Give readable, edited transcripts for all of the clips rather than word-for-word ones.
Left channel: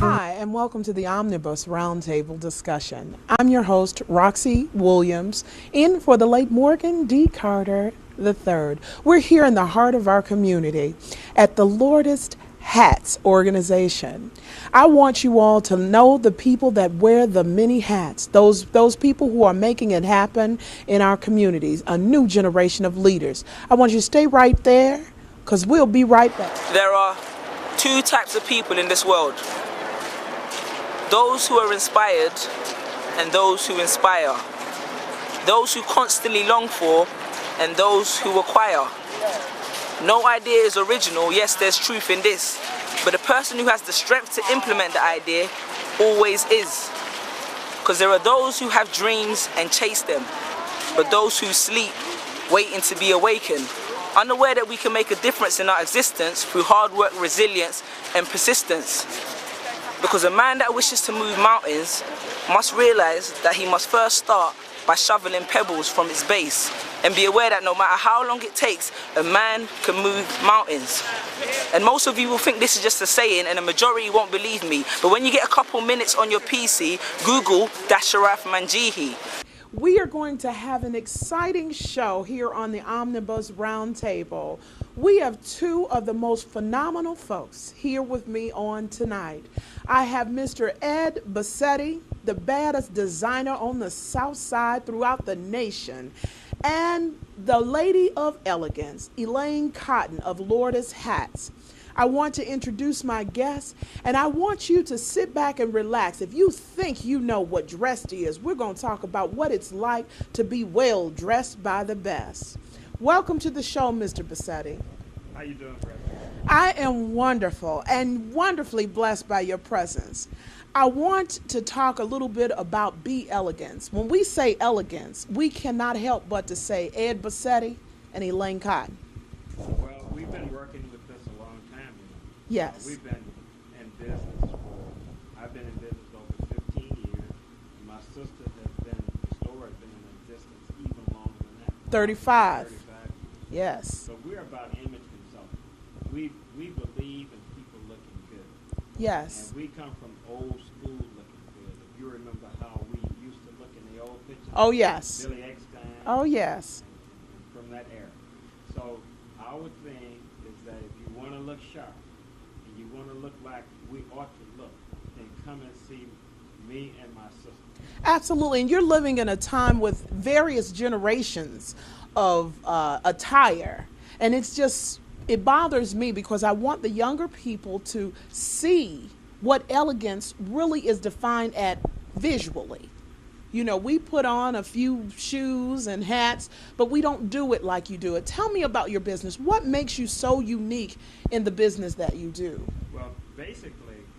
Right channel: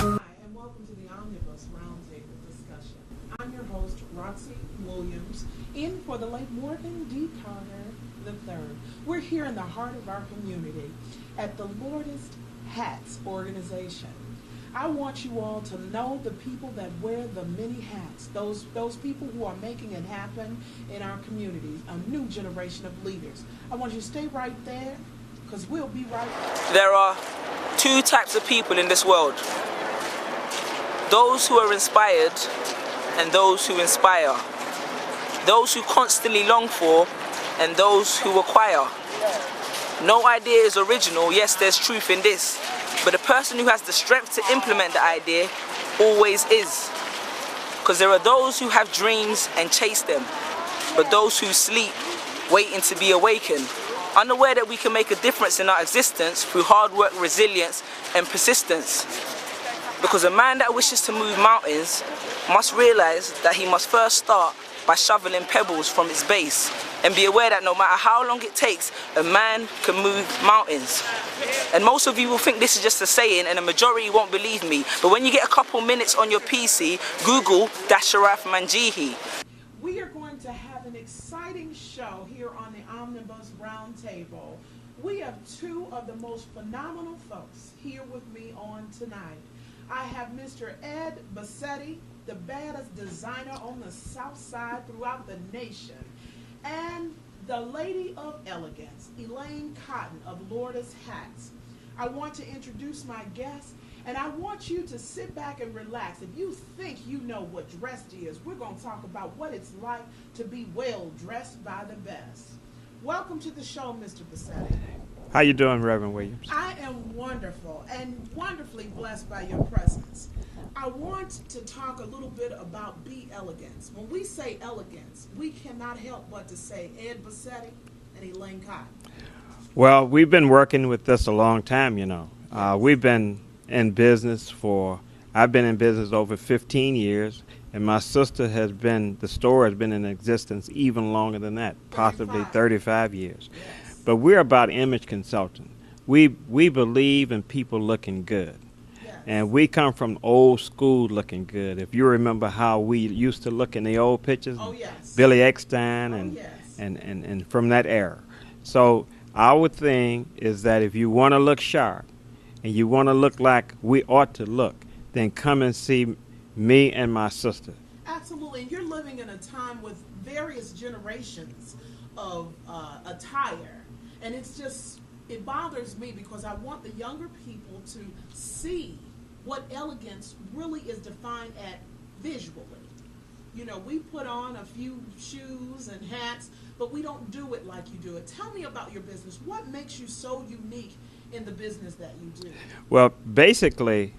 Hi, and welcome to the Omnibus Roundtable discussion. I'm your host, Roxy Williams, in for the late Morgan D. Carter III. We're here in the heart of our community at the Lourdes Hats organization. I want you all to know the people that wear the many hats, those people who are making it happen in our communities, a new generation of leaders. I want you to stay right there, because we'll be right back. There are two types of people in this world. Those who are inspired and those who inspire. Those who constantly long for and those who acquire. No idea is original, yes, there's truth in this. But the person who has the strength to implement the idea always is. Because there are those who have dreams and chase them, but those who sleep waiting to be awakened. Unaware that we can make a difference in our existence through hard work, resilience, and persistence. Because a man that wishes to move mountains must realize that he must first start by shoveling pebbles from its base, and be aware that no matter how long it takes, a man can move mountains. And most of you will think this is just a saying, and the majority won't believe me. But when you get a couple minutes on your PC, Google Dasharaf Manjihi. We are going to have an exciting show here on the Omnibus Roundtable. We have two of the most phenomenal folks here with me on tonight. I have Mr. Ed Bassetti, the baddest designer on the South Side throughout the nation, and the Lady of Elegance, Elaine Cotton of Lourdes Hats. I want to introduce my guests, and I want you to sit back and relax. If you think you know what dressed is, we're going to talk about what it's like to be well dressed by the best. Welcome to the show, Mr. Bassetti. How you doing, Reverend Williams? I am wonderful and wonderfully blessed by your presence. I want to talk a little bit about Be Elegance. When we say elegance, we cannot help but to say Ed Bassetti and Elaine Cotton. Well, we've been working with this a long time, you know. Yes. We've been in business I've been in business over 15 years, and my sister the store has been in existence even longer than that. 35. Possibly 35 years. Yes. But we're about image consulting. We believe in people looking good. Yes. And we come from old school looking good. If you remember how we used to look in the old pictures. Oh, yes. Billy Eckstein. Oh, yes. And from that era. So our thing is that if you want to look sharp and you want to look like we ought to look, then come and see me and my sister. Absolutely. And you're living in a time with various generations of attire. And it bothers me because I want the younger people to see what elegance really is defined at visually. You know, we put on a few shoes and hats, but we don't do it like you do it. Tell me about your business. What makes you so unique in the business that you do? Well, basically,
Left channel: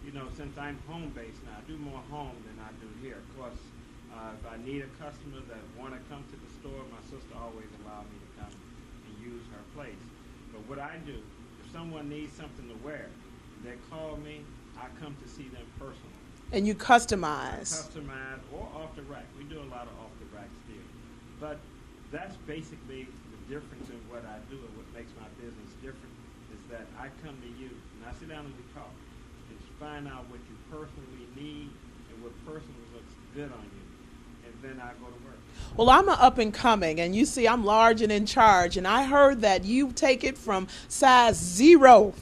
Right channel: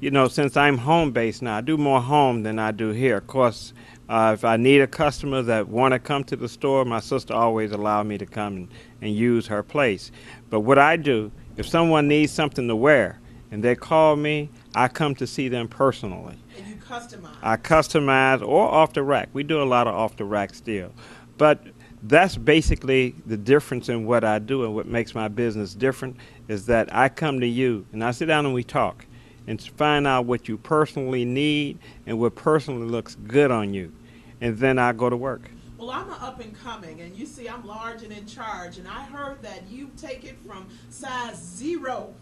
you know, since I'm home-based now, I do more home than I do here. Of course, if I need a customer that want to come to the store, my sister always allows me to come and use her place. But what I do, if someone needs something to wear and they call me, I come to see them personally. And you customize. I customize or off the rack. We do a lot of off the rack still. But that's basically the difference in what I do, and what makes my business different is that I come to you and I sit down and we talk and find out what you personally need and what personally looks good on you. And then I go to work. Well, I'm an up and coming, and you see I'm large and in charge, and I heard that you take it from size 0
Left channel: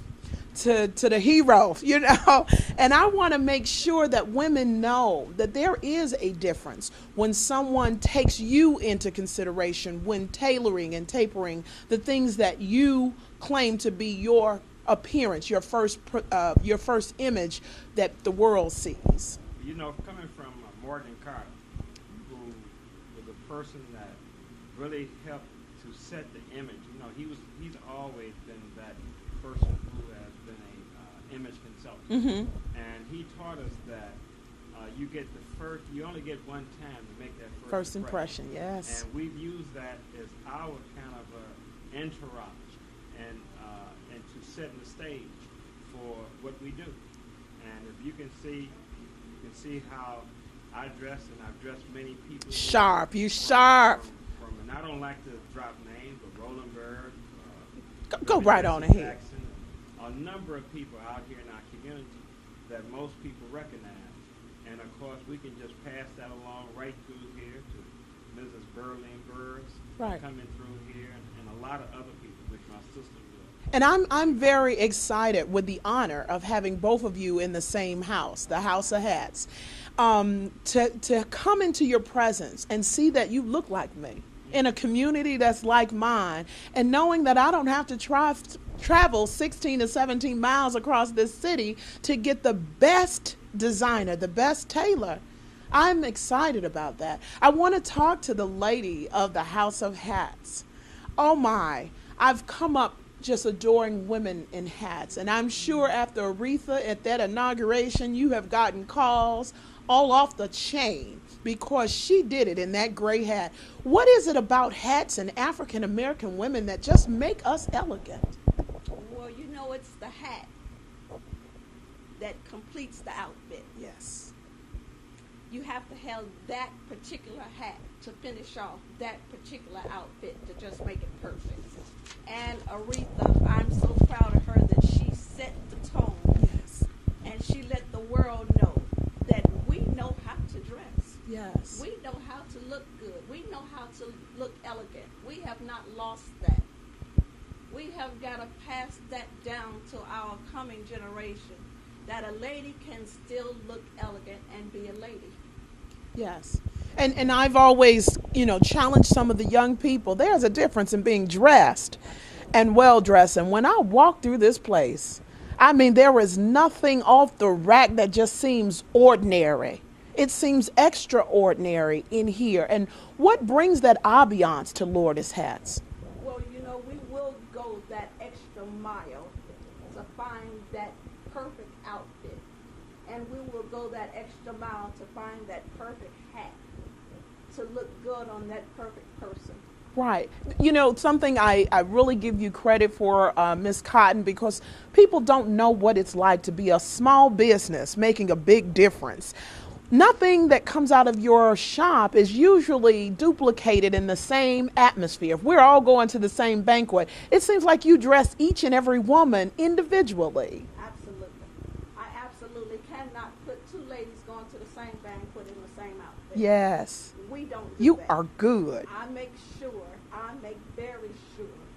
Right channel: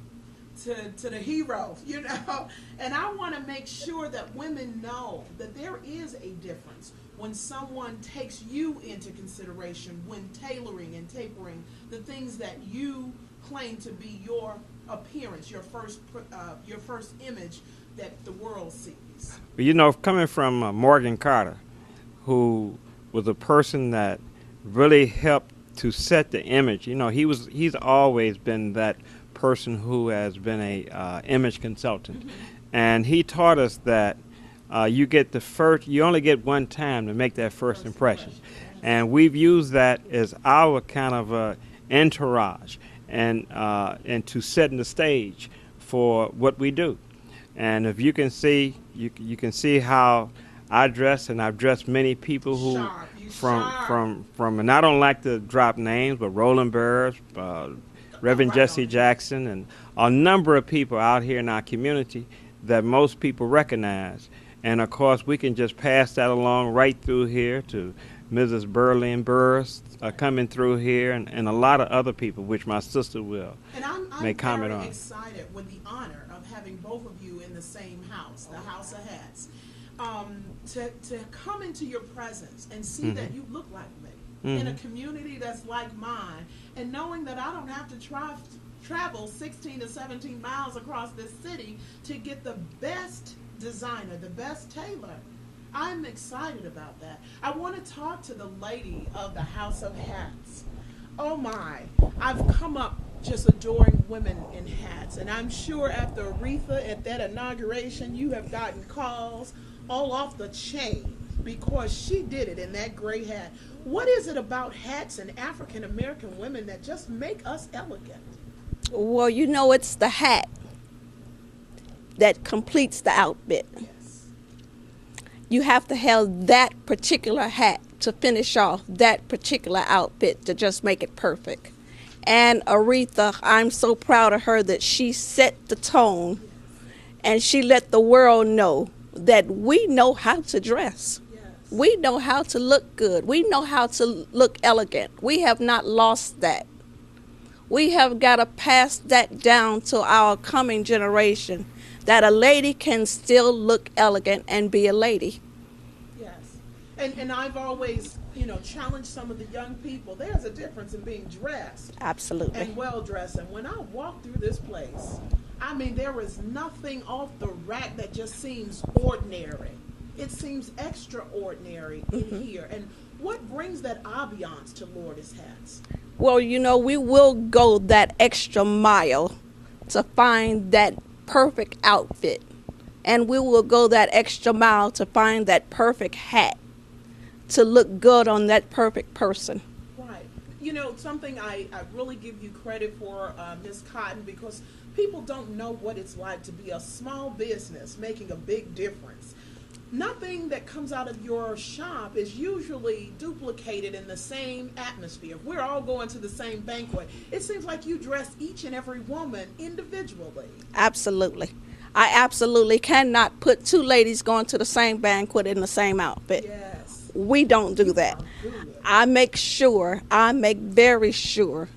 to the hero, you know, and I want to make sure that women know that there is a difference when someone takes you into consideration when tailoring and tapering the things that you claim to be your appearance, your first image that the world sees. You know, coming from Morgan Carter, who was a person that really helped to set the image. You know, he's always been that person who has been a image consultant. Mm-hmm. And he taught us that you get the first. You only get one time to make that first impression. Yes. And we've used that as our kind of entourage and to setting the stage for what we do. And if you can see, you can see how I dress, and I've dressed many people who sharp. You from, sharp. From, and I don't like to drop names, but Roland Burrs, Reverend right Jesse on it. Jackson, and a number of people out here in our community that most people recognize. And of course, we can just pass that along right through here to Mrs. Burley and Burris Right. coming through here, and a lot of other people, which my sister will. And I'm make very comment on. excited with the honor of having both of you in the same house, the House of Hats, to come into your presence and see that you look like me in a community that's like mine, and knowing that I don't have to travel 16 to 17 miles across this city to get the best designer, the best tailor. I'm excited about that. I want to talk to the lady of the House of Hats. Oh my, I've come up just adoring women in hats, and I'm sure after Aretha at that inauguration, you have gotten calls all off the chain because she did it in that gray hat. What is it about hats and African American women that just make us elegant? Well, you know, it's the hat that completes the outfit. Yes. You have to have that particular hat to finish off that particular outfit to just make it perfect. And Aretha, I'm so proud of her that she set the tone and she let the world know that we know how to dress. Yes. We know how to look good. We know how to look elegant. We have not lost that. We have got to pass that down to our coming generation, that a lady can still look elegant and be a lady. Yes. And I've always, challenged some of the young people. There's a difference in being dressed Absolutely. and well dressed. And when I walk through this place, I mean, there is nothing off the rack that just seems ordinary. It seems extraordinary in here. And what brings that ambiance to Lourdes Hats? Well, we will go that extra mile to find that perfect outfit. And we will go that extra mile to find that perfect hat to look good on that perfect person. Right. Something I really give you credit for, Ms. Cotton, because people don't know what it's like to be a small business making a big difference. Nothing that comes out of your shop is usually duplicated in the same atmosphere. If we're all going to the same banquet, it seems like you dress each and every woman individually. Absolutely. I absolutely cannot put two ladies going to the same banquet in the same outfit. Yes. We don't do that. You are good. I make very sure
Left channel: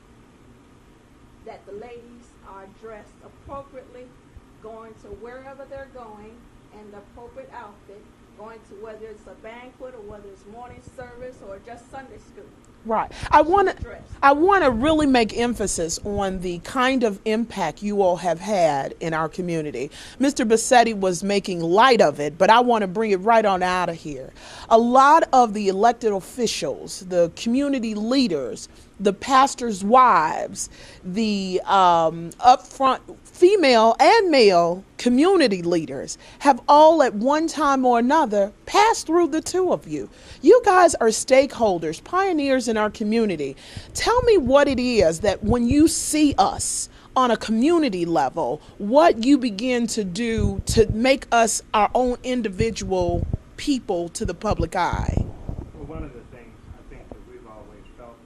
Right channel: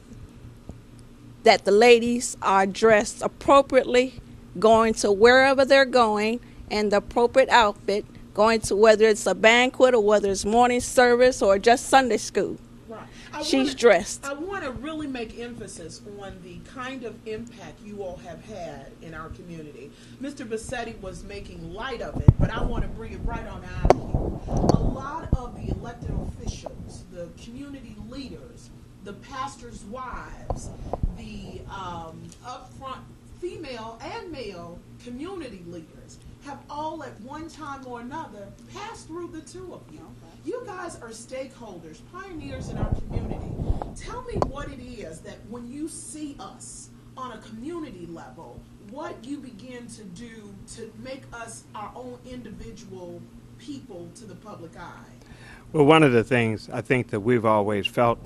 that the ladies are dressed appropriately, going to wherever they're going, and the appropriate outfit, going to whether it's a banquet or whether it's morning service or just Sunday school. Right. She's dressed. I want to really make emphasis on the kind of impact you all have had in our community. Mr. Bassetti was making light of it, but I want to bring it right on out of here. A lot of the elected officials, the community leaders, the pastors' wives, the upfront female and male community leaders have all at one time or another passed through the two of you. You guys are stakeholders, pioneers in our community. Tell me what it is that when you see us on a community level, what you begin to do to make us our own individual people to the public eye. Well, one of the things I think that we've always felt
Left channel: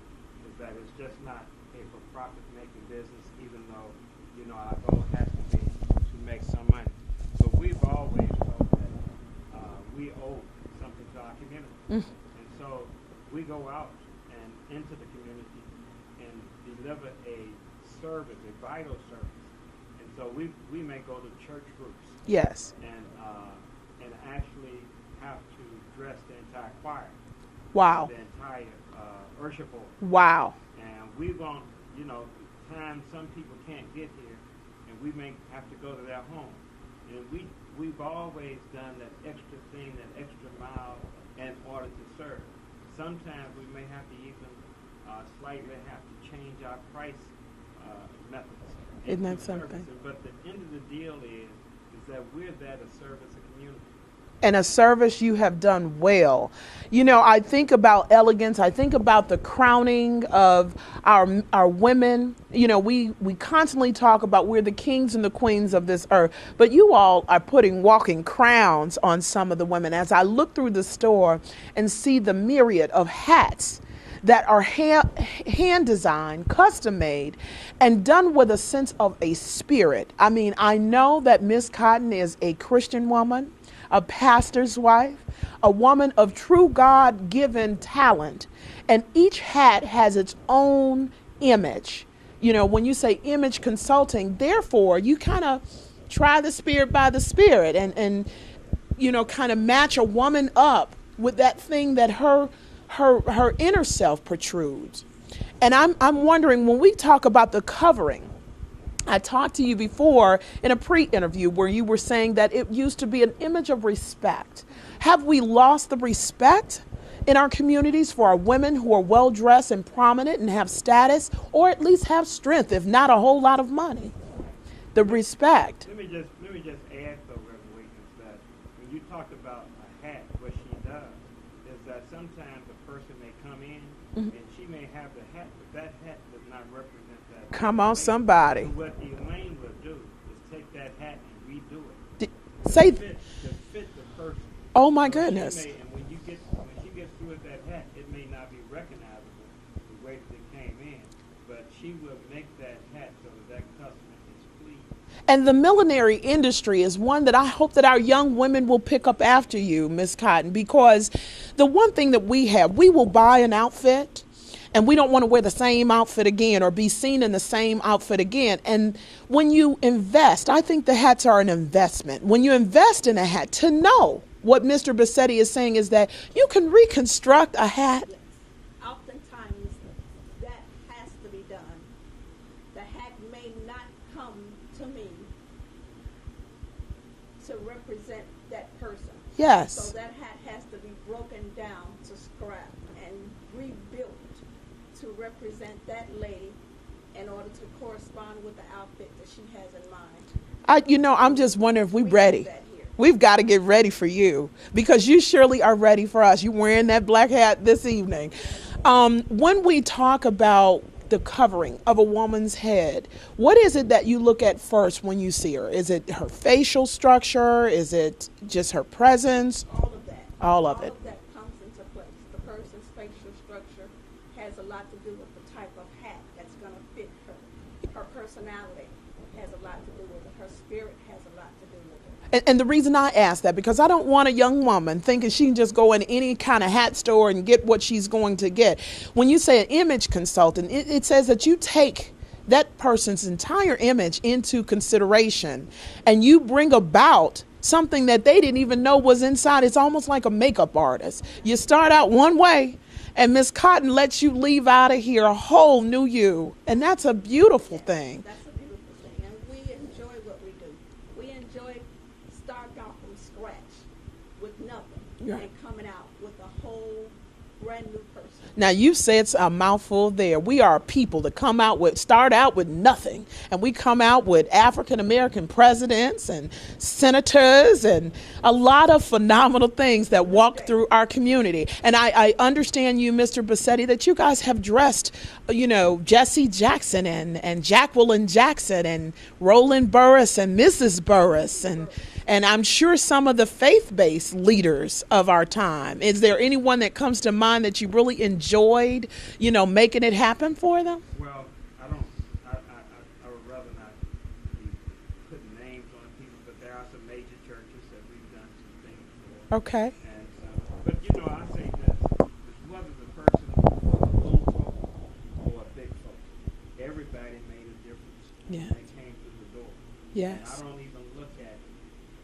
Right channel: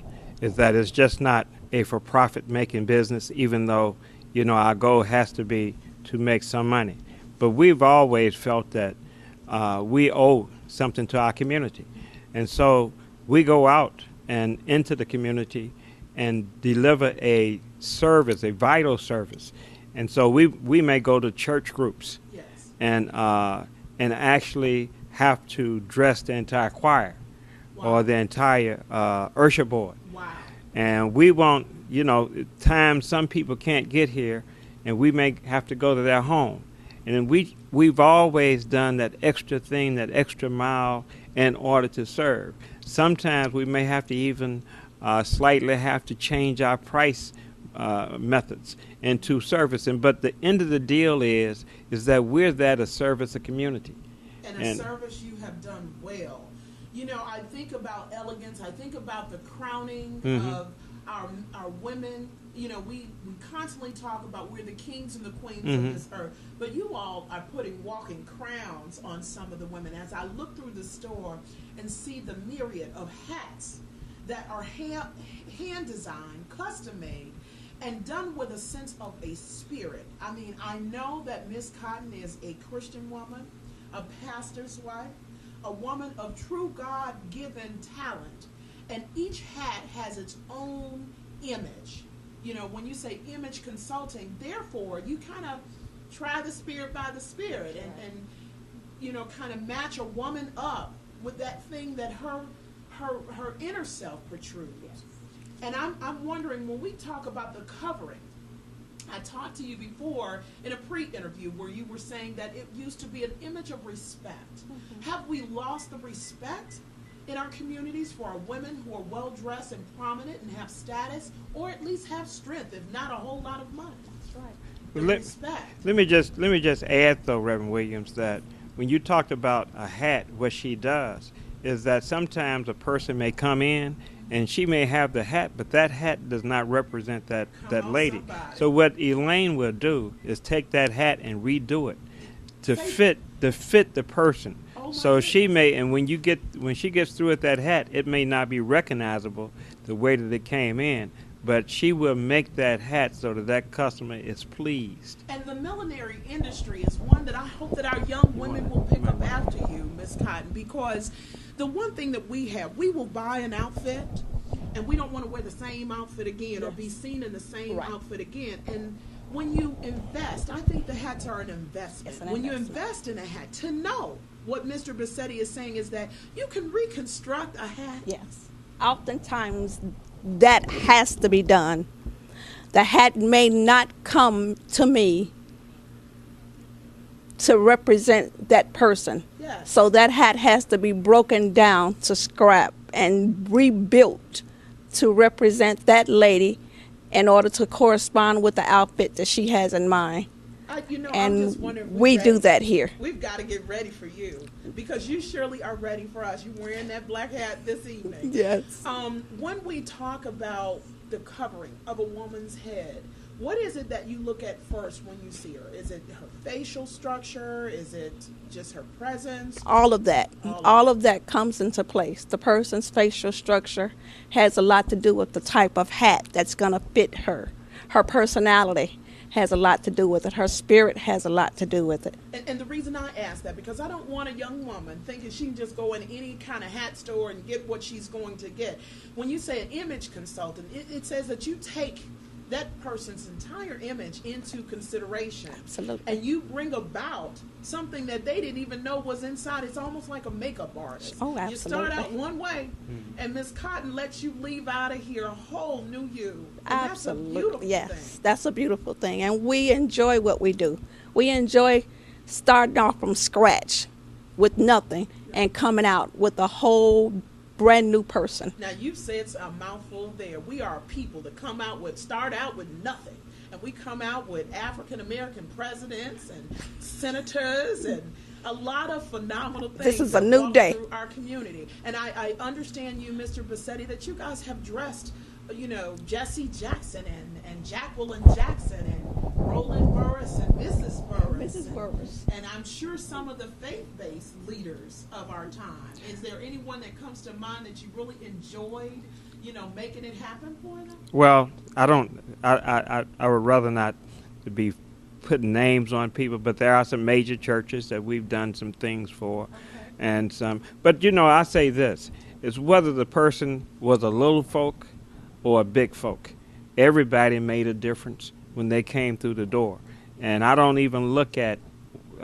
is that it's just not a for-profit making business, even though, our goal has to be to make some money. But we've always felt that we owe something to our community. And so we go out and into the community and deliver a service, a vital service. And so we may go to church groups. Yes. And actually have to dress the entire choir. Wow. Or the entire usher board. Wow. And we won't, times some people can't get here, and we may have to go to their home. And then we've always done that extra thing, that extra mile in order to serve. Sometimes we may have to even slightly have to change our price methods into service. But the end of the deal is that we're there to service the community. And a service you have done well. You know, I think about elegance. I think about the crowning of our women. You know, we constantly talk about we're the kings and the queens of this earth, but you all are putting walking crowns on some of the women. As I look through the store and see the myriad of hats that are hand designed, custom made, and done with a sense of a spirit. I mean, I know that Miss Cotton is a Christian woman, a pastor's wife, a woman of true God-given talent, and each hat has its own image. You know, when you say image consulting, therefore, you kind of try the spirit by the spirit and you know, kind of match a woman up with that thing that her inner self protrudes. And I'm wondering, when we talk about the covering, I talked to you before in a pre-interview where you were saying that it used to be an image of respect. Have we lost the respect in our communities for our women who are well dressed and prominent and have status, or at least have strength, if not a whole lot of money? The respect. Let me just add though, Reverend Williams, that when you talked about a hat, what she does is that sometimes a person may come in and she may have the hat, but that hat does not represent that Come that on, lady. somebody. So what Elaine will do is take that hat and redo it to say- fit the person. Oh my so goodness. she may, and when she gets through with that hat, it may not be recognizable the way that it came in, but she will make that hat so that that customer is pleased. And the millinery industry is one that I hope that our young women will pick up after you, Miss Cotton, because the one thing that we have, we will buy an outfit and we don't want to wear the same outfit again or be seen in the same outfit again. And when you invest, I think the hats are an investment. When you invest in a hat, to know what Mr. Bassetti is saying is that you can reconstruct a hat. Yes. Oftentimes, that has to be done. The hat may not come to me to represent that person. Yes. So that hat has to be broken down to scrap and rebuilt to represent that lady in order to correspond with the outfit that she has in mind. I'm And just wondering if we ready. do that here. We've got to get ready for you because you surely are ready for us. You're wearing that black hat this evening. Yes. When we talk about the covering of a woman's head, what is it that you look at first when you see her? Is it her facial structure? Is it just her presence? All of that. All of that comes into place. The person's facial structure has a lot to do with the type of hat that's going to fit her. Her personality has a lot to do with it. Her spirit has a lot to do with it. And the reason I ask that, because I don't want a young woman thinking she can just go in any kind of hat store and get what she's going to get. When you say an image consultant, it says that you take that person's entire image into consideration. Absolutely. And you bring about something that they didn't even know was inside. It's almost like a makeup artist. Oh, you start out one way, and Miss Cotton lets you leave out of here a whole new you. And that's a Absolutely. beautiful Yes, thing. That's a beautiful thing. And we enjoy what we do. We enjoy starting off from scratch with nothing and coming out with a whole brand new person. Now you said a mouthful there. We are a people that start out with nothing, and we come out with African American presidents and senators and a lot of phenomenal things that walk through our community. And I understand you, Mr. Bassetti, that you guys have dressed, Jesse Jackson and Jacqueline Jackson and Roland Burris and Mrs. Burris and I'm sure some of the faith-based leaders of our time. Is there anyone that comes to mind that you really enjoyed, making it happen for them? Well, I would rather not be putting names on people, but there are some major churches that we've done some things for. Okay. And but I say this, is whether the person was a little folk or a big folk, everybody made a difference when they came through the door. Yes. And I don't even look at,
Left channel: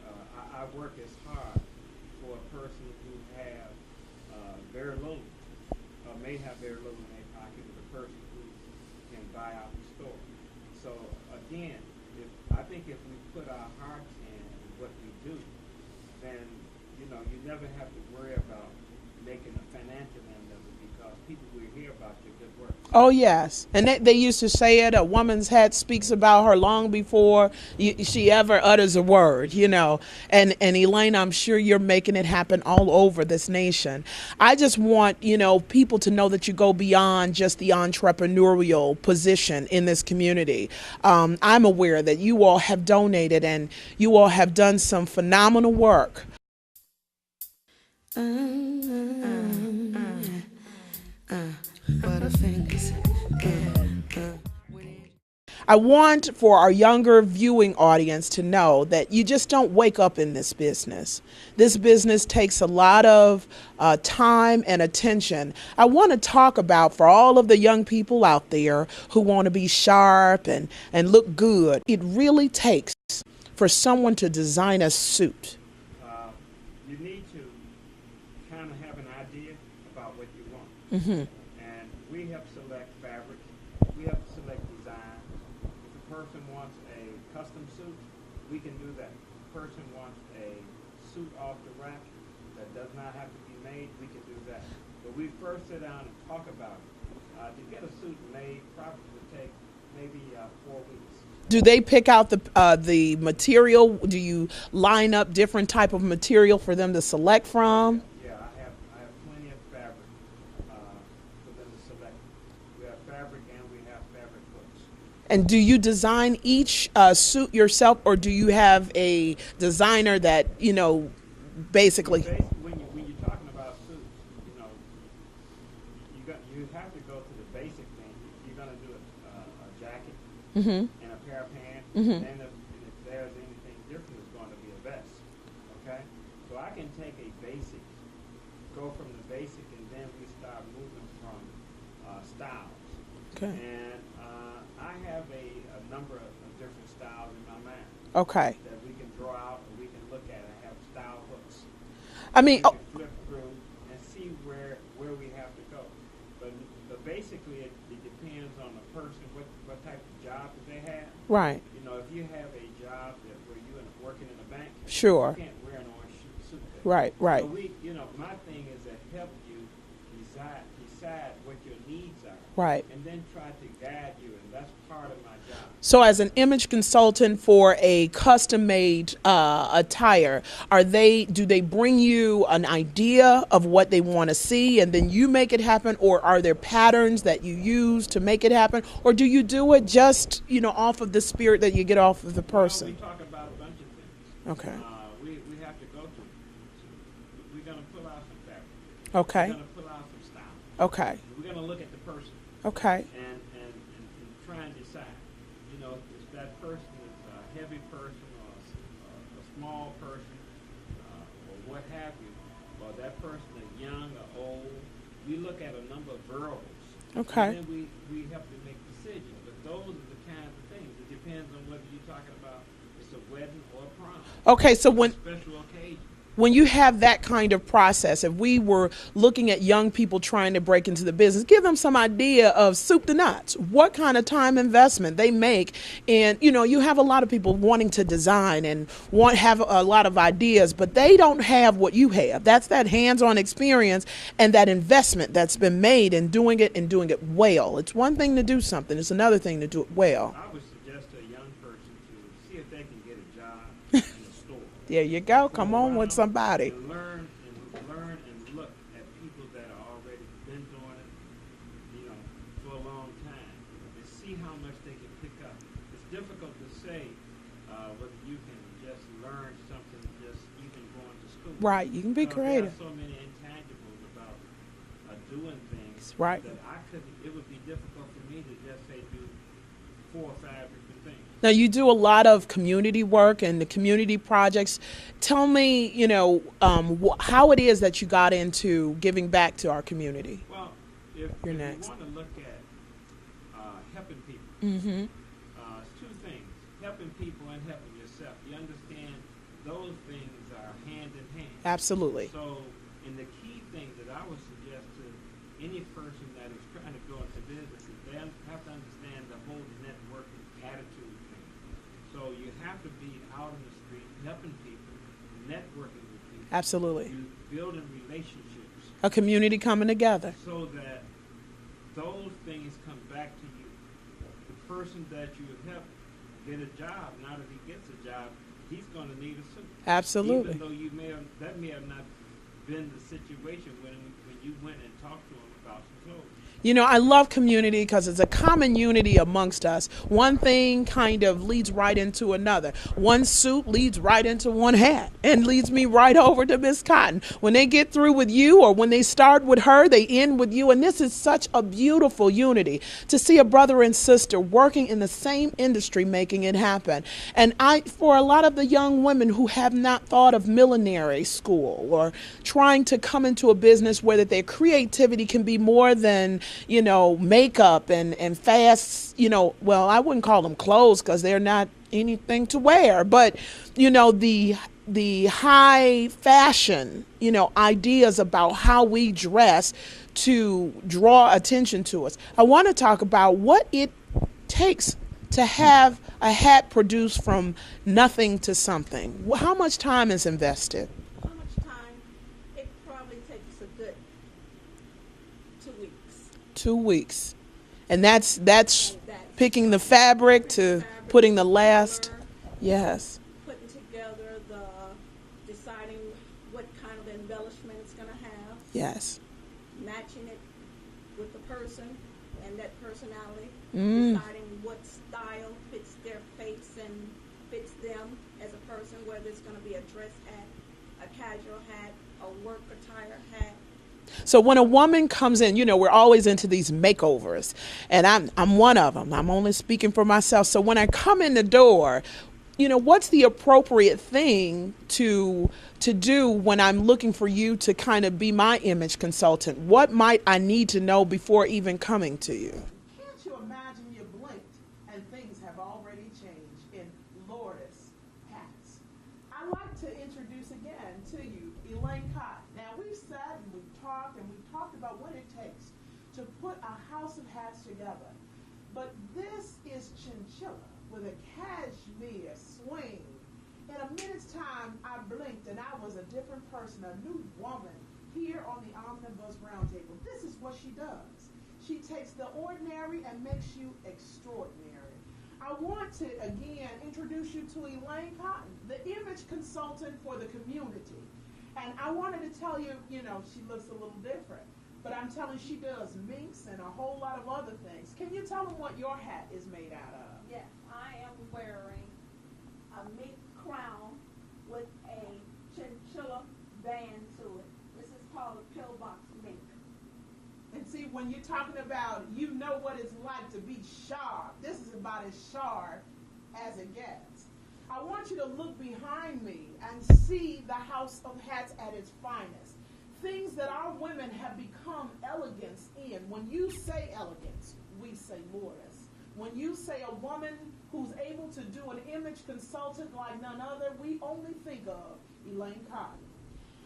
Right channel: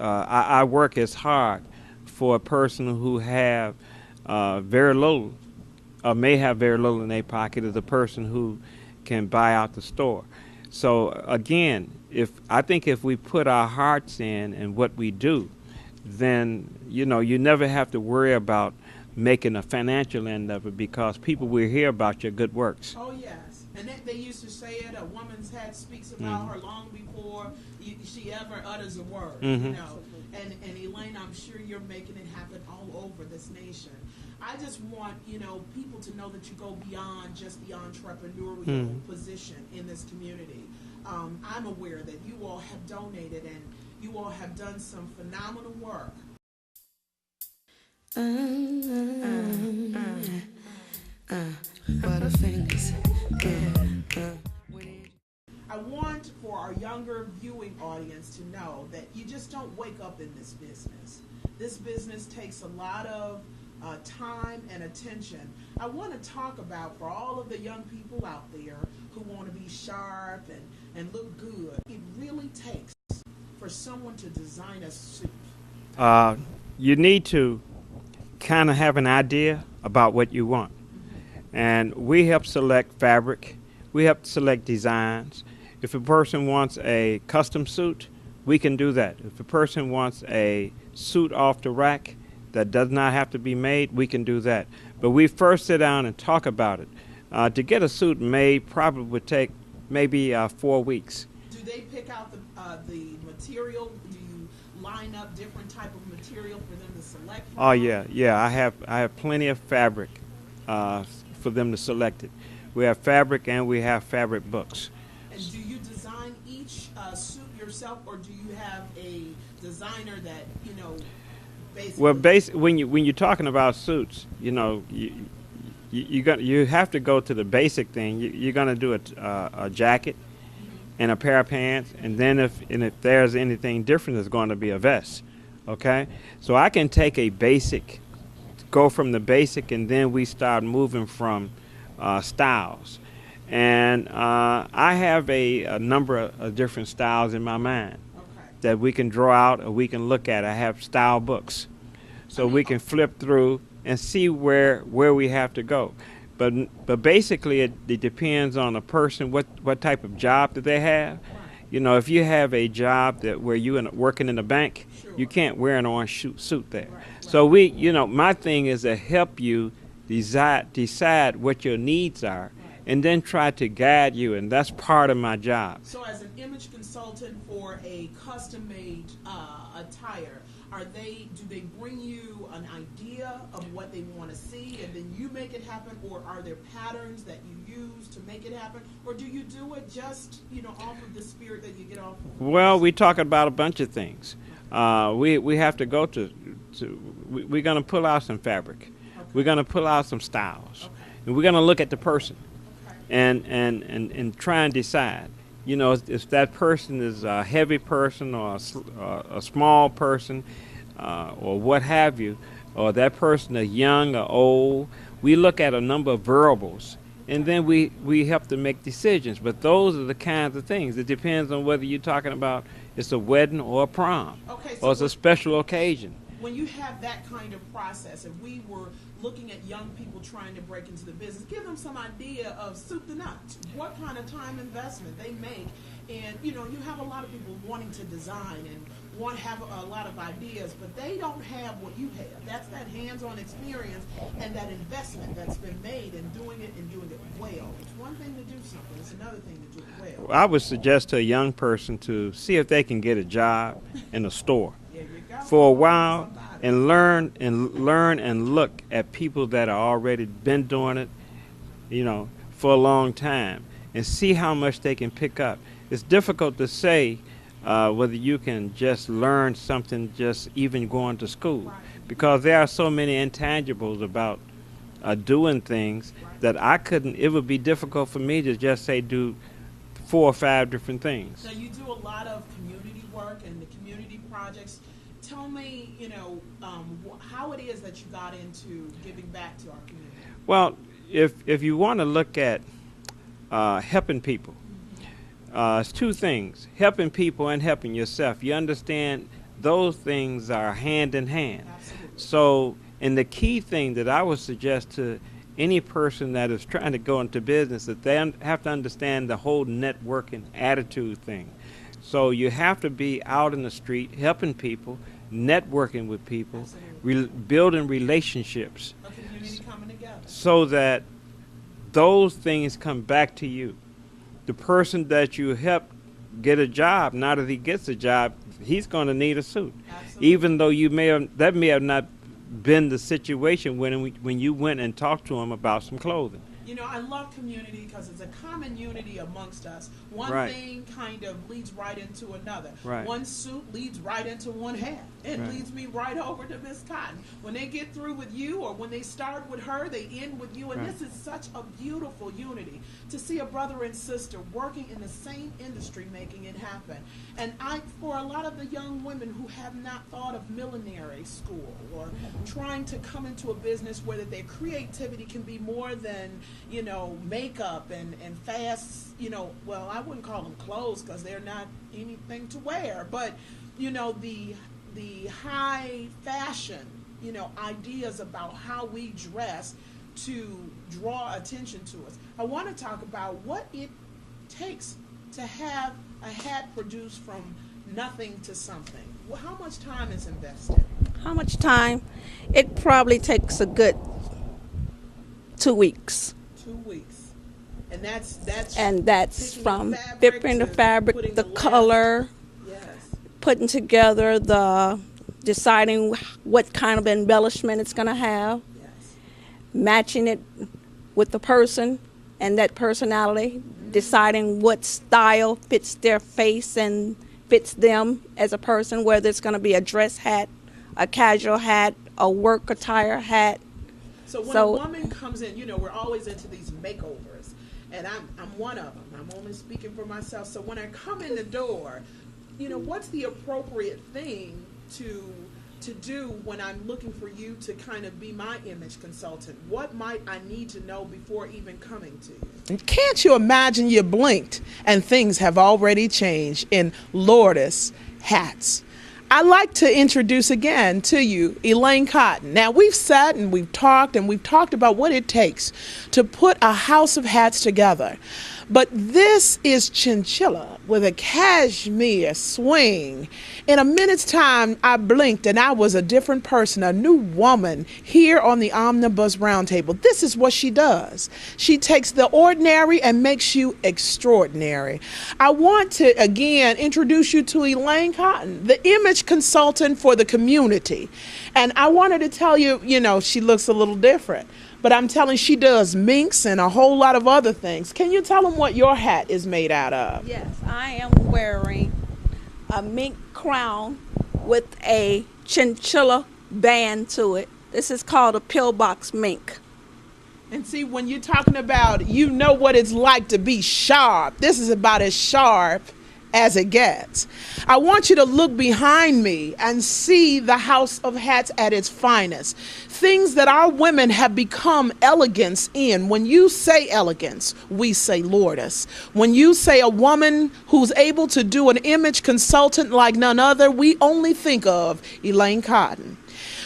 I work as hard for a person who have very little, or may have very little in their pocket, as a person who can buy out the store. So again, I think if we put our hearts in and what we do, then you never have to worry about making a financial end of it, because people will hear about your good works. Oh yes, and they used to say it. A woman's head speaks about her long before she ever utters a word. You know, and Elaine, I'm sure you're making it happen all over this nation. I just want people to know that you go beyond just the entrepreneurial position in this community. I'm aware that you all have donated and you all have done some phenomenal work. I want for our younger viewing audience to know that you just don't wake up in this business. This business takes a lot of time and attention. I want to talk about, for all of the young people out there who want to be sharp and look good, it really takes for someone to design a suit. You need to kind of have an idea about what you want. And we help select fabric. We help select designs. If a person wants a custom suit, we can do that. If a person wants a suit off the rack that does not have to be made, we can do that. But we first sit down and talk about it. To get a suit made probably would take maybe 4 weeks. Do they pick out the material? Do you line up different type of material for them to select from? Oh yeah. I have plenty of fabric for them to select it. We have fabric and we have fabric books. And do you design each suit yourself, or do you have a designer that basically? Well, when you're talking about suits, you have to go to the basic thing. You're gonna do a jacket and a pair of pants, and then if there's anything different, it's going to be a vest. Okay, so I can take a basic, go from the basic, and then we start moving from styles. Okay. And I have a number of different styles in my mind. Okay. That we can draw out or we can look at. I have style books, so we can flip through and see where we have to go. But basically, it depends on a person, what type of job that they have. Right. If you have a job where you're working in a bank, sure, you can't wear an orange suit there. Right. Right. So my thing is to help you decide what your needs are, right, and then try to guide you, and that's part of my job. So as an image consultant for a custom-made attire, do they bring you an idea of what they want to see and then you make it happen, or are there patterns that you use to make it happen, or do you do it just off of the spirit that you get off of the person? Well, we talk about a bunch of things. Okay. We have to go we're going to pull out some fabric. Okay. We're going to pull out some styles. Okay. And we're going to look at the person. Okay. And try and decide, if that person is a heavy person or a small person or what have you, or that person is young or old. We look at a number of variables. Okay. And then we help to make decisions. But those are the kinds of things. It depends on whether you're talking about it's a wedding or a prom. Okay. So it's a special occasion. When you have that kind of process, if we were looking at young people trying to break into the business, give them some idea of soup to nuts, what kind of time investment they make. And, you have a lot of people wanting to design and have a lot of ideas, but they don't have what you have. That's that hands-on experience and that investment that's been made in doing it and doing it well. It's one thing to do something. It's another thing to do it well. I would suggest to a young person to see if they can get a job in a store. There you go. For a while. And learn and look at people that are already been doing it, for a long time, and see how much they can pick up. It's difficult to say whether you can just learn something just even going to school, right? Because there are so many intangibles about doing things, right, that I couldn't. It would be difficult for me to just say do 4 or 5 different things. Now, you do a lot of community work and the community projects. Tell me, how it is that you got into giving back to our community. Well, if you want to look at helping people, it's 2 things: helping people and helping yourself. You understand those things are hand in hand. Absolutely. So, and the key thing that I would suggest to any person that is trying to go into business, that they have to understand the whole networking attitude thing. So you have to be out in the street helping people, networking with people. Absolutely. Building relationships. A community coming together. So that those things come back to you. The person that you help get a job, now that he gets a job, he's going to need a suit. Absolutely. Even though that may have not been the situation when you went and talked to him about some clothing. You know, I love community because it's a common unity amongst us. One Right. thing kind of leads right into another. Right. One suit leads right into one hat and leads me right over to Miss Cotton. When they get through with you or when they start with her, they end with you. And this is such a beautiful unity to see a brother and sister working in the same industry making it happen. And for a lot of the young women who have not thought of millinery school or trying to come into a business where that their creativity can be more than, you know, makeup and fast, you know, well, I wouldn't call them clothes because they're not anything to wear, but, you know, the high fashion, you know, ideas about how we dress to draw attention to us. I want to talk about what it takes to have a hat produced from nothing to something. How much time is invested? How much time? It probably takes a good 2 weeks. 2 weeks. And that's picking the from fabric dipping to the fabric, putting the last color, yes, putting together deciding what kind of embellishment it's going to have, yes, matching it with the person and that personality, deciding what style fits their face and fits them as a person, whether it's going to be a dress hat, a casual hat, a work attire hat. So when a woman comes in, you know, we're always into these makeovers, and I'm one of them. I'm only speaking for myself. So when I come in the door, you know, what's the appropriate thing to do when I'm looking for you to kind of be my image consultant? What might I need to know before even coming to you? And can't you imagine you blinked and things have already changed in Lourdes hats? I'd like to introduce again to you Elaine Cotton. Now, we've sat and we've talked about what it takes to put a house of hats together. But this is chinchilla with a cashmere swing. In a minute's time, I blinked and I was a different person, a new woman here on the Omnibus Roundtable. This is what she does. She takes the ordinary and makes you extraordinary. I want to, again, introduce you to Elaine Cotton, the image consultant for the community. And I wanted to tell you, you know, she looks a little different. But I'm telling she does minks and a whole lot of other things. Can you tell them what your hat is made out of? Yes, I am wearing a mink crown with a chinchilla band to it. This is called a pillbox mink. And see, when you're talking about, you know what it's like to be sharp. This is about as sharp as it gets. I want you to look behind me and see the house of hats at its finest. Things that our women have become elegance in. When you say elegance, we say Lourdes. When you say a woman who's able to do an image consultant like none other, we only think of Elaine Cotton.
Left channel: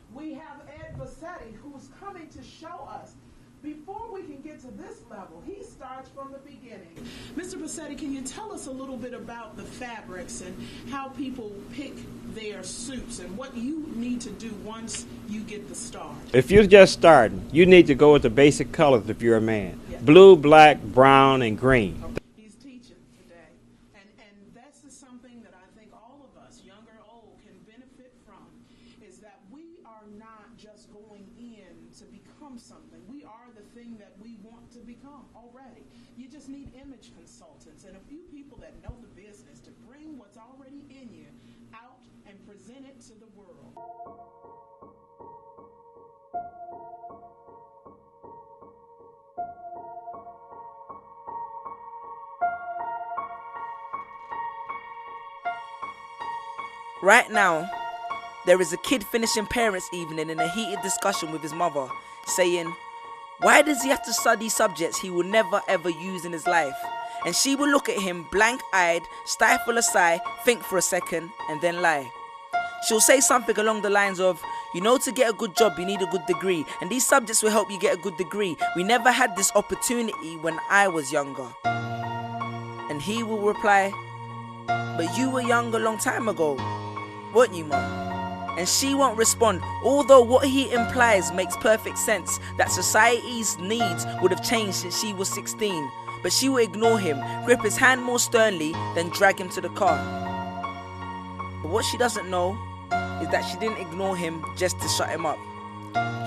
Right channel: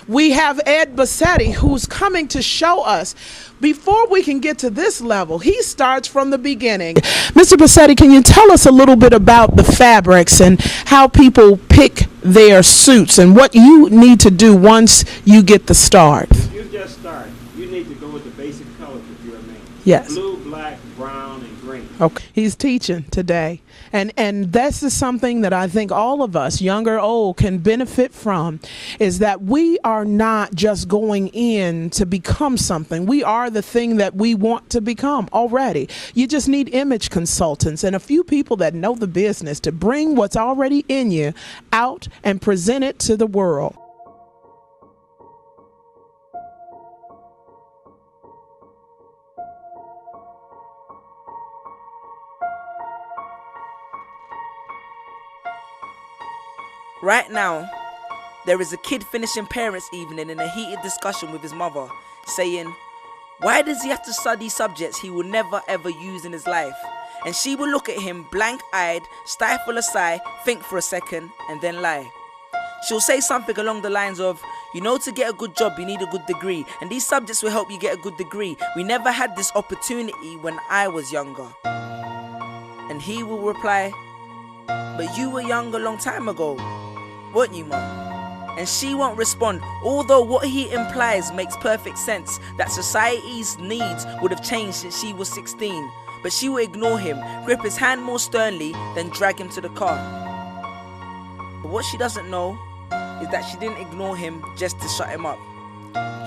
We have Ed Bassetti, who's coming to show us. Before we can get to this level, he starts from the beginning. Mr. Bassetti, can you tell us a little bit about the fabrics and how people pick their suits and what you need to do once you get the start? If you're just starting, you need to go with the basic colors if you're a man. Yes. Blue, black, brown, and green. Okay. He's teaching today. And this is something that I think all of us, young or old, can benefit from, is that we are not just going in to become something. We are the thing that we want to become already. You just need image consultants and a few people that know the business to bring what's already in you out and present it to the world. Right now, there is a kid finishing parents' evening in a heated discussion with his mother, saying, why does he have to study subjects he will never ever use in his life? And she will look at him blank-eyed, stifle a sigh, think for a second, and then lie. She'll say something along the lines of, you know, to get a good job you need a good degree, and these subjects will help you get a good degree. We never had this opportunity when I was younger. And he will reply, but you were young a long time ago, weren't you, Mum? and she won't respond, although what he implies makes perfect sense, that society's needs would have changed since she was 16. But she will ignore him, grip his hand more sternly, then drag him to the car. But what she doesn't know is that she didn't ignore him just to shut him up.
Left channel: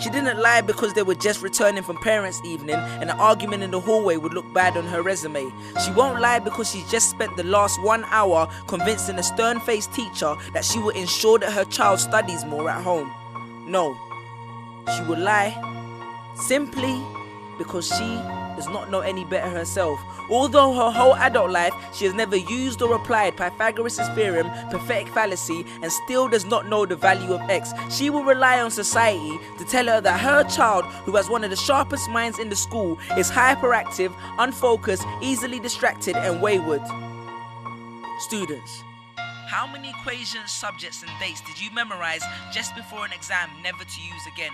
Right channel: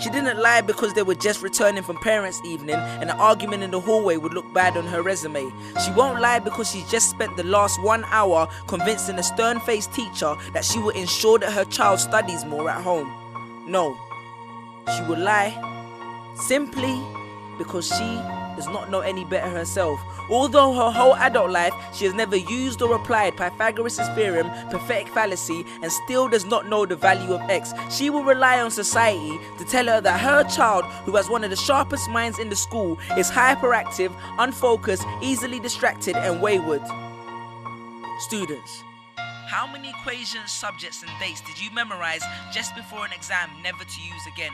She didn't lie because they were just returning from parents' evening and an argument in the hallway would look bad on her resume. She won't lie because she just spent the last 1 hour convincing a stern-faced teacher that she will ensure that her child studies more at home. No, she will lie simply because she does not know any better herself. Although her whole adult life she has never used or applied Pythagoras' theorem, pathetic fallacy, and still does not know the value of x, she will rely on society to tell her that her child, who has one of the sharpest minds in the school, is hyperactive, unfocused, easily distracted, and wayward. Students, how many equations, subjects, and dates did you memorize just before an exam never to use again?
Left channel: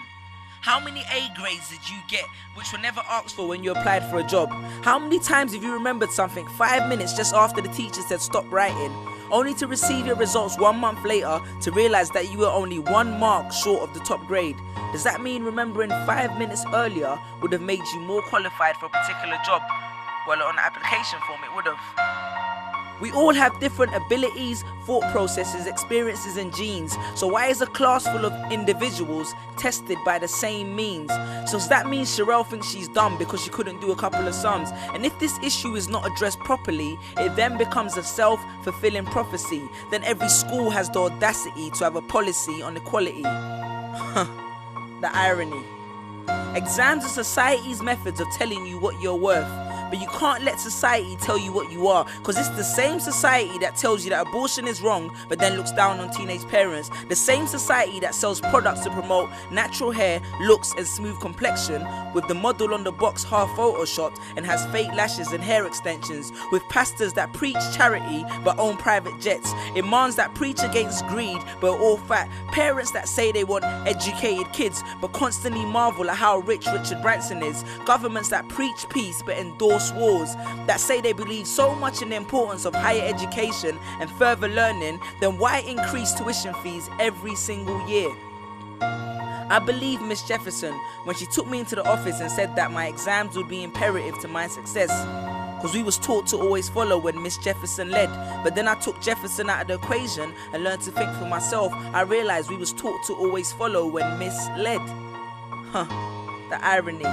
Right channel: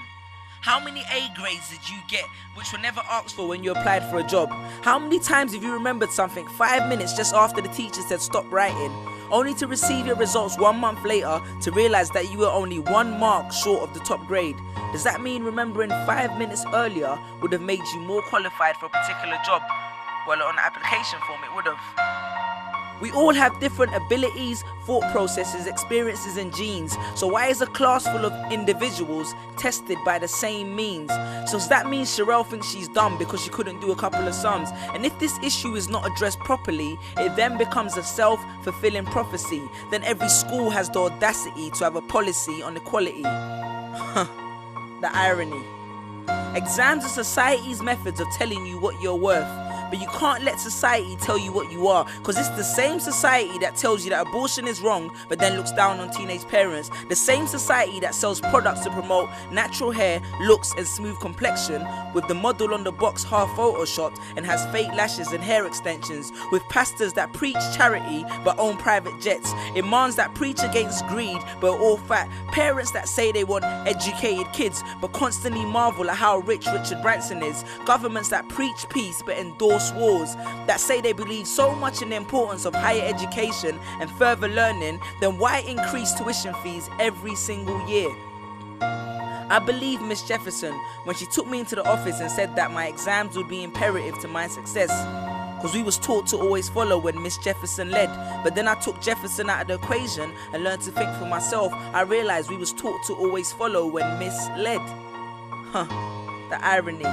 How many A grades did you get which were never asked for when you applied for a job? How many times have you remembered something 5 minutes just after the teacher said stop writing, only to receive your results 1 month later to realize that you were only 1 mark short of the top grade? Does that mean remembering 5 minutes earlier would have made you more qualified for a particular job? Well, on the application form it would have. We all have different abilities, thought processes, experiences, and genes. So why is a class full of individuals tested by the same means? So does that mean Sherelle thinks she's dumb because she couldn't do a couple of sums? And if this issue is not addressed properly, it then becomes a self-fulfilling prophecy. Then every school has the audacity to have a policy on equality. The irony. Exams are society's methods of telling you what you're worth. But you can't let society tell you what you are, because it's the same society that tells you that abortion is wrong but then looks down on teenage parents. The same society that sells products to promote natural hair, looks and smooth complexion, with the model on the box half photoshopped and has fake lashes and hair extensions, with pastors that preach charity but own private jets, imams that preach against greed but are all fat, parents that say they want educated kids but constantly marvel at how rich Richard Branson is, governments that preach peace but endorse wars, that say they believe so much in the importance of higher education and further learning, then why increase tuition fees every single year? I believe Miss Jefferson when she took me into the office and said that my exams would be imperative to my success, because we was taught to always follow when Miss Jefferson led. But then I took Jefferson out of the equation and learned to think for myself. I realized we was taught to always follow when Miss led. The irony.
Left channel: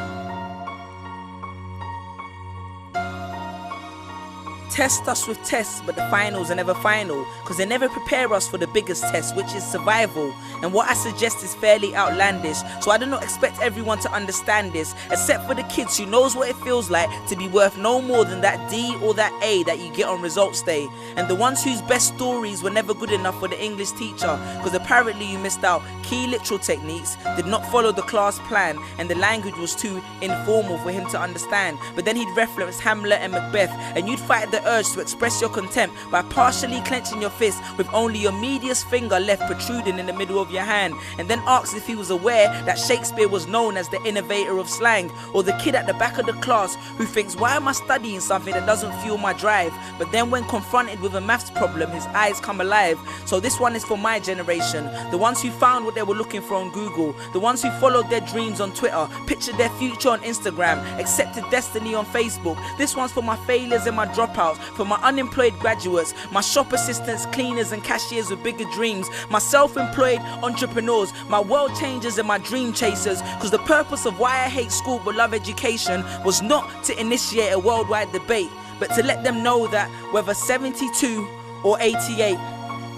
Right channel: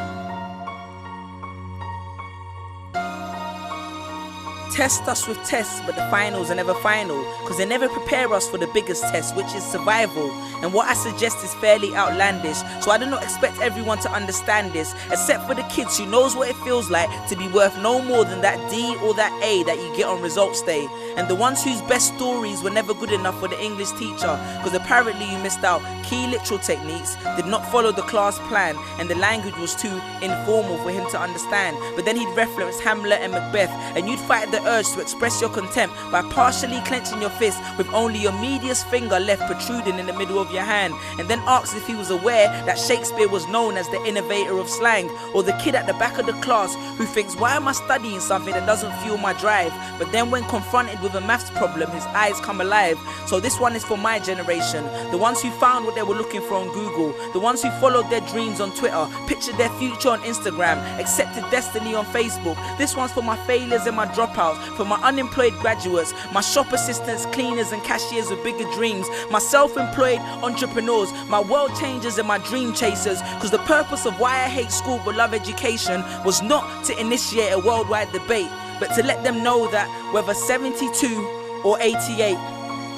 Test us with tests, but the finals are never final, because they never prepare us for the biggest test, which is survival. And what I suggest is fairly outlandish, so I do not expect everyone to understand this, except for the kids who knows what it feels like to be worth no more than that D or that A that you get on results day, and the ones whose best stories were never good enough for the English teacher, because apparently you missed out key literal techniques, did not follow the class plan, and the language was too informal for him to understand. But then he'd reference Hamlet and Macbeth, and you'd fight the urge to express your contempt by partially clenching your fist with only your medius finger left protruding in the middle of your hand, and then asked if he was aware that Shakespeare was known as the innovator of slang, or the kid at the back of the class who thinks, why am I studying something that doesn't fuel my drive? But then when confronted with a maths problem, his eyes come alive. So this one is for my generation, the ones who found what they were looking for on Google, the ones who followed their dreams on Twitter, pictured their future on Instagram, accepted destiny on Facebook. This one's for my failures and my dropouts, for my unemployed graduates, my shop assistants, cleaners and cashiers with bigger dreams, my self-employed entrepreneurs, my world changers and my dream chasers, because the purpose of why I hate school but love education was not to initiate a worldwide debate, but to let them know that whether 72 or 88,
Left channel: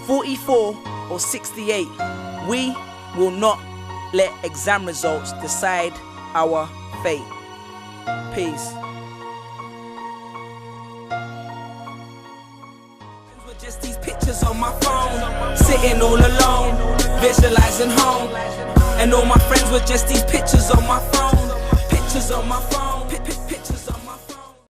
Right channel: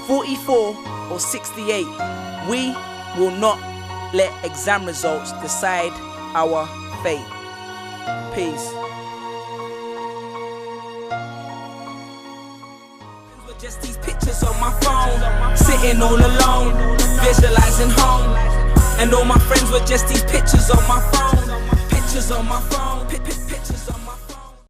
44 or 68, we will not let exam results decide our fate. Peace. Just these pictures on my phone, sitting all alone, visualizing home. And all my friends were just these pictures on my phone, pictures on my phone.